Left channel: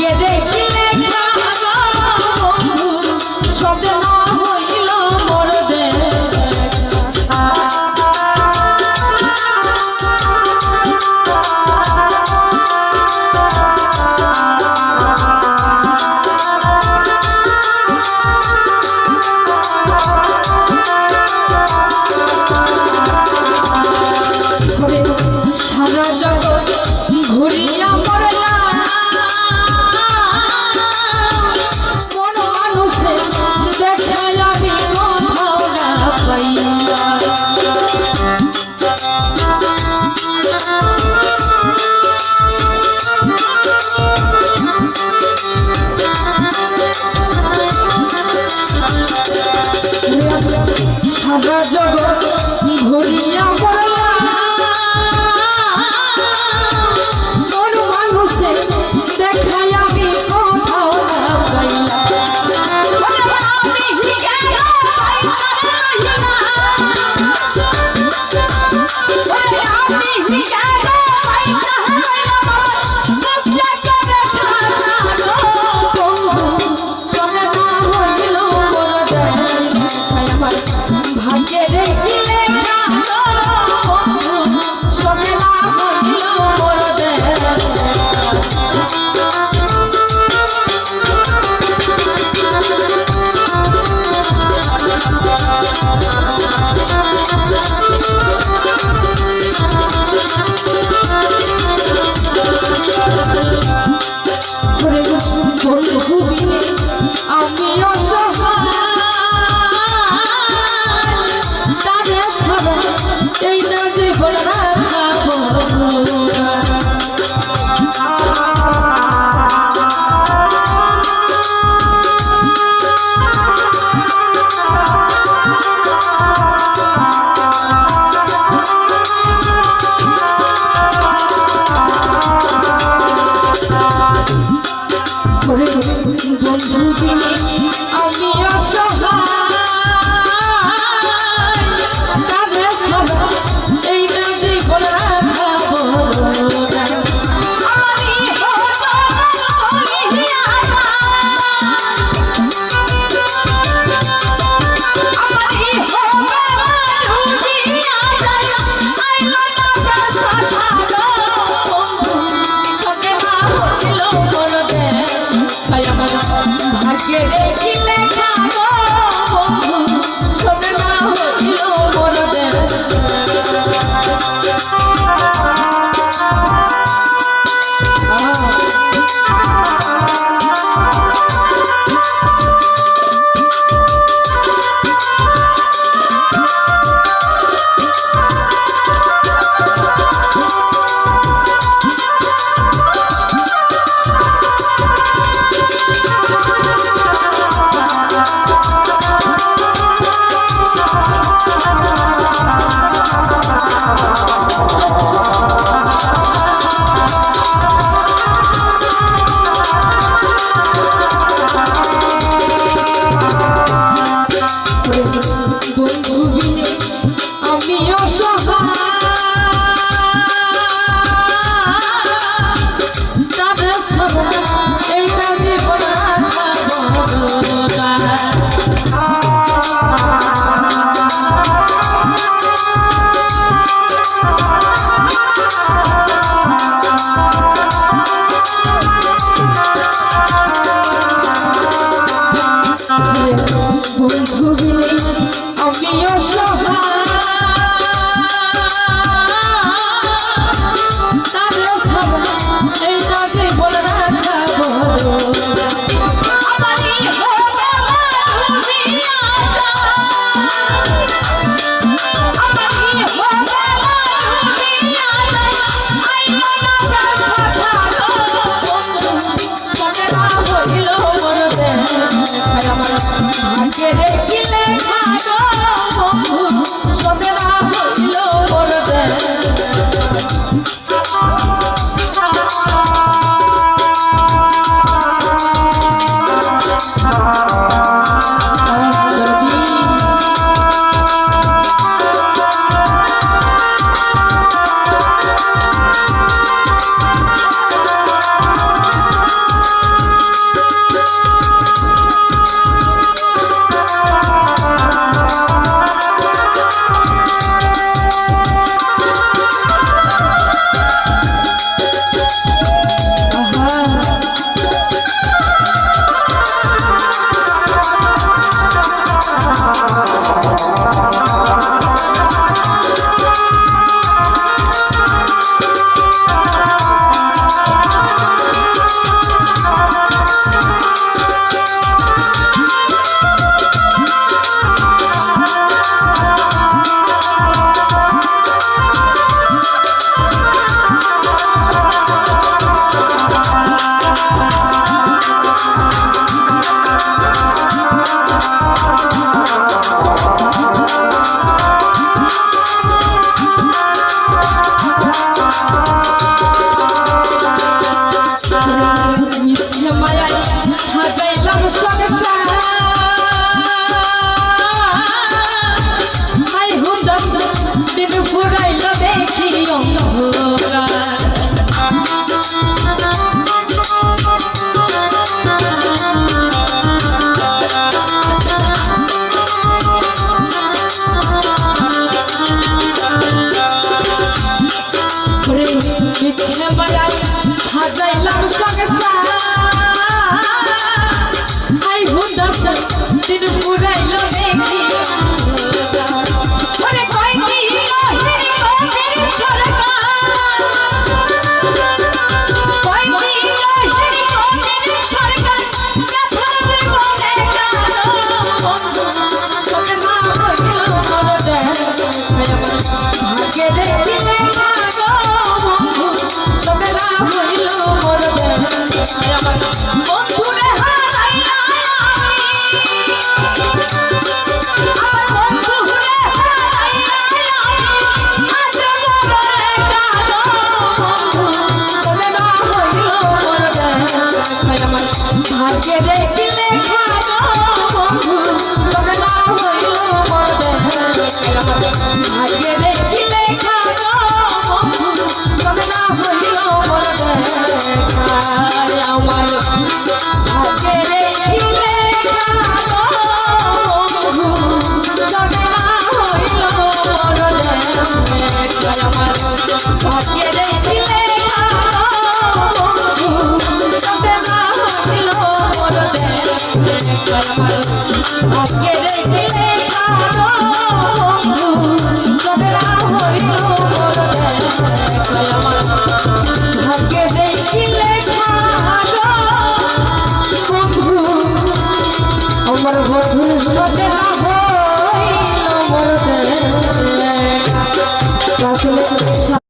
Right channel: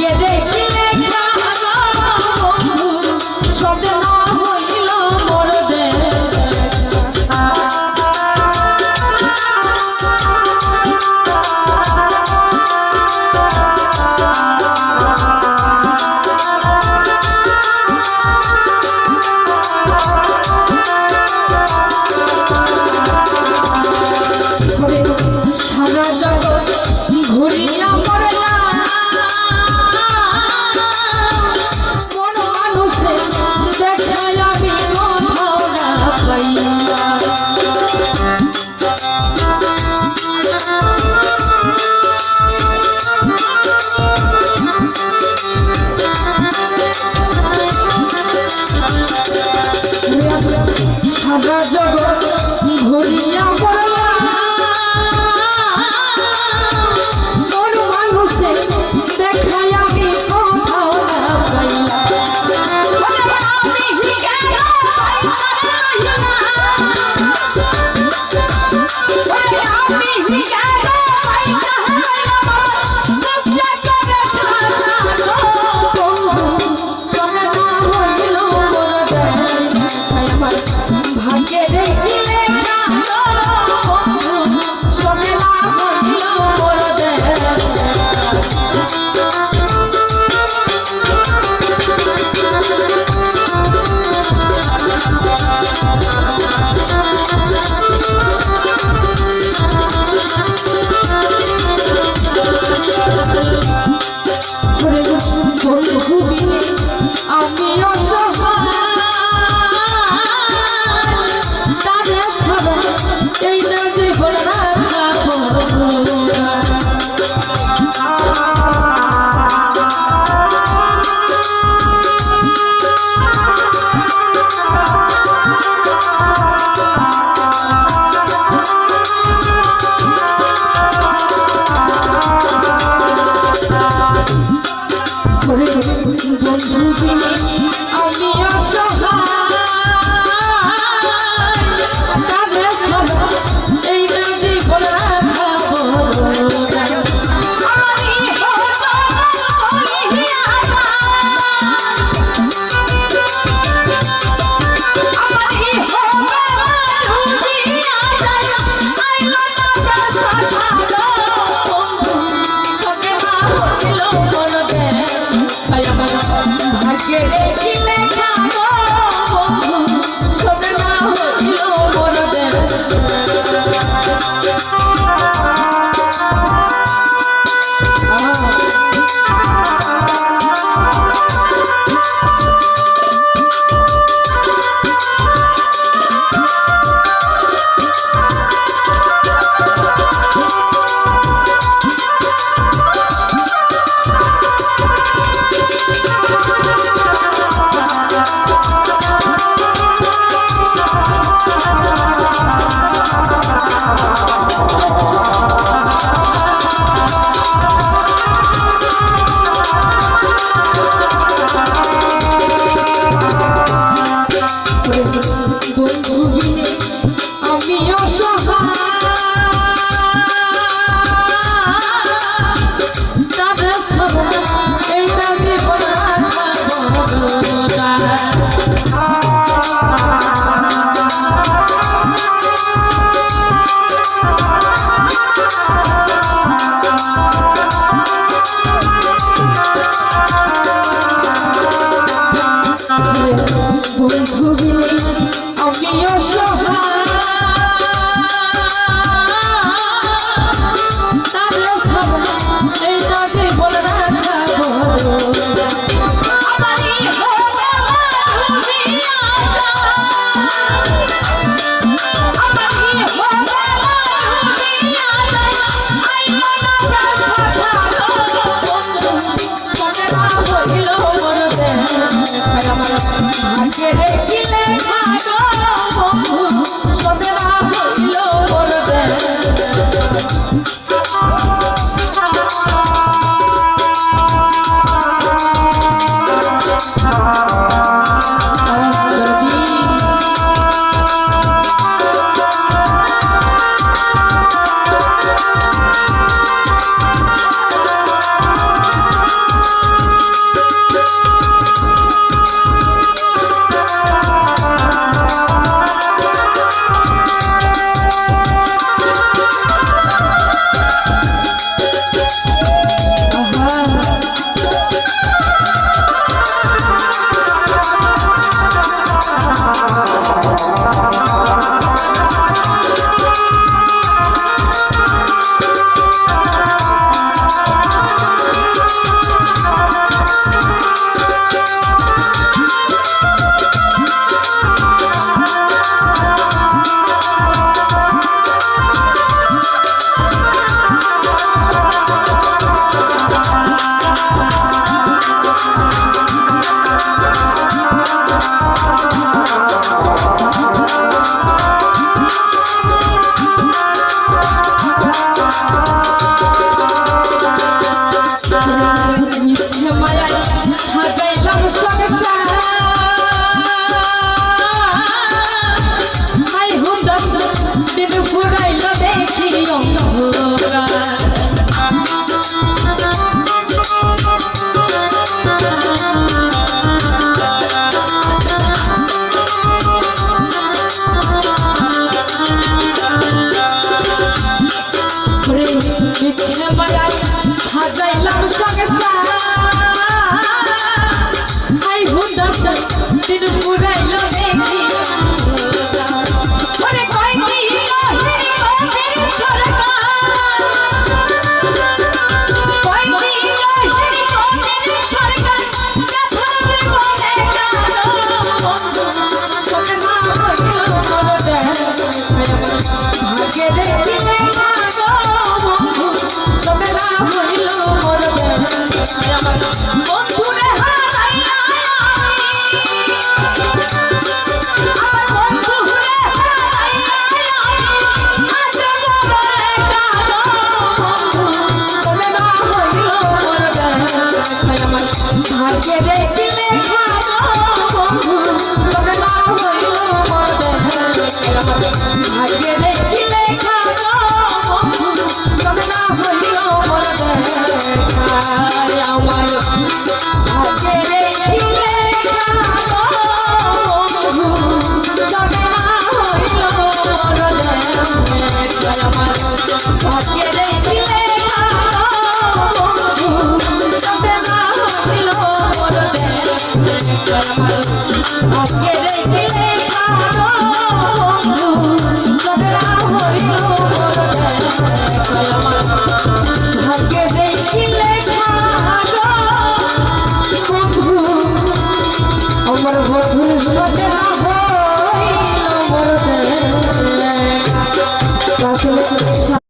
ভাগ্যে দেখিলে স্বপ্ন হইল মোর সারা জগৎ ঘুরিয়া সারা জগৎ ঘুরিয়া কোন মানুষে দেখাই আমি কোথাও না ভাগ্যে দেখিলে সোনা হইল মোর আমি এই না যে বলা বন্ধু বিনে আমি অসহায় এই না যে বলা ভাগ্যে বেলায় সাজাইলাম সংসার আই হুদার দিন পুরাইল দেখি ওরে কয়টি রহিরি রহিরি সরকার কয়টি রহিরি রহিরি সরকার কাথারে মনে কালো বন্ধু তোকে মা হইল মন দেয় ভাগ্যে দেখিলে কালো বন্ধু তোকে মা হইল মন দেয় আমার বন্ধুরে হারাইয়া ভাগ্যে দেখিলে খালো বন্ধু তোকে না হইল মন দেয় ভাগ্যে দেখিলে খালো বন্ধু তোকে না হইল মন দেয় আমার ভাগ্যে দেখিলে খালো বন্ধু তোকে না হইল মন দেয় আমার ভাগ্যে দেখিলে খালো বন্ধু তোকে না হইল মন দেয় ভাগ্যে দেখিলে খালো বন্ধু তোকে না হইল মন দেয় আমার ভাগ্যে দেখিলে খালো বন্ধু আমার বন্ধুর সাথে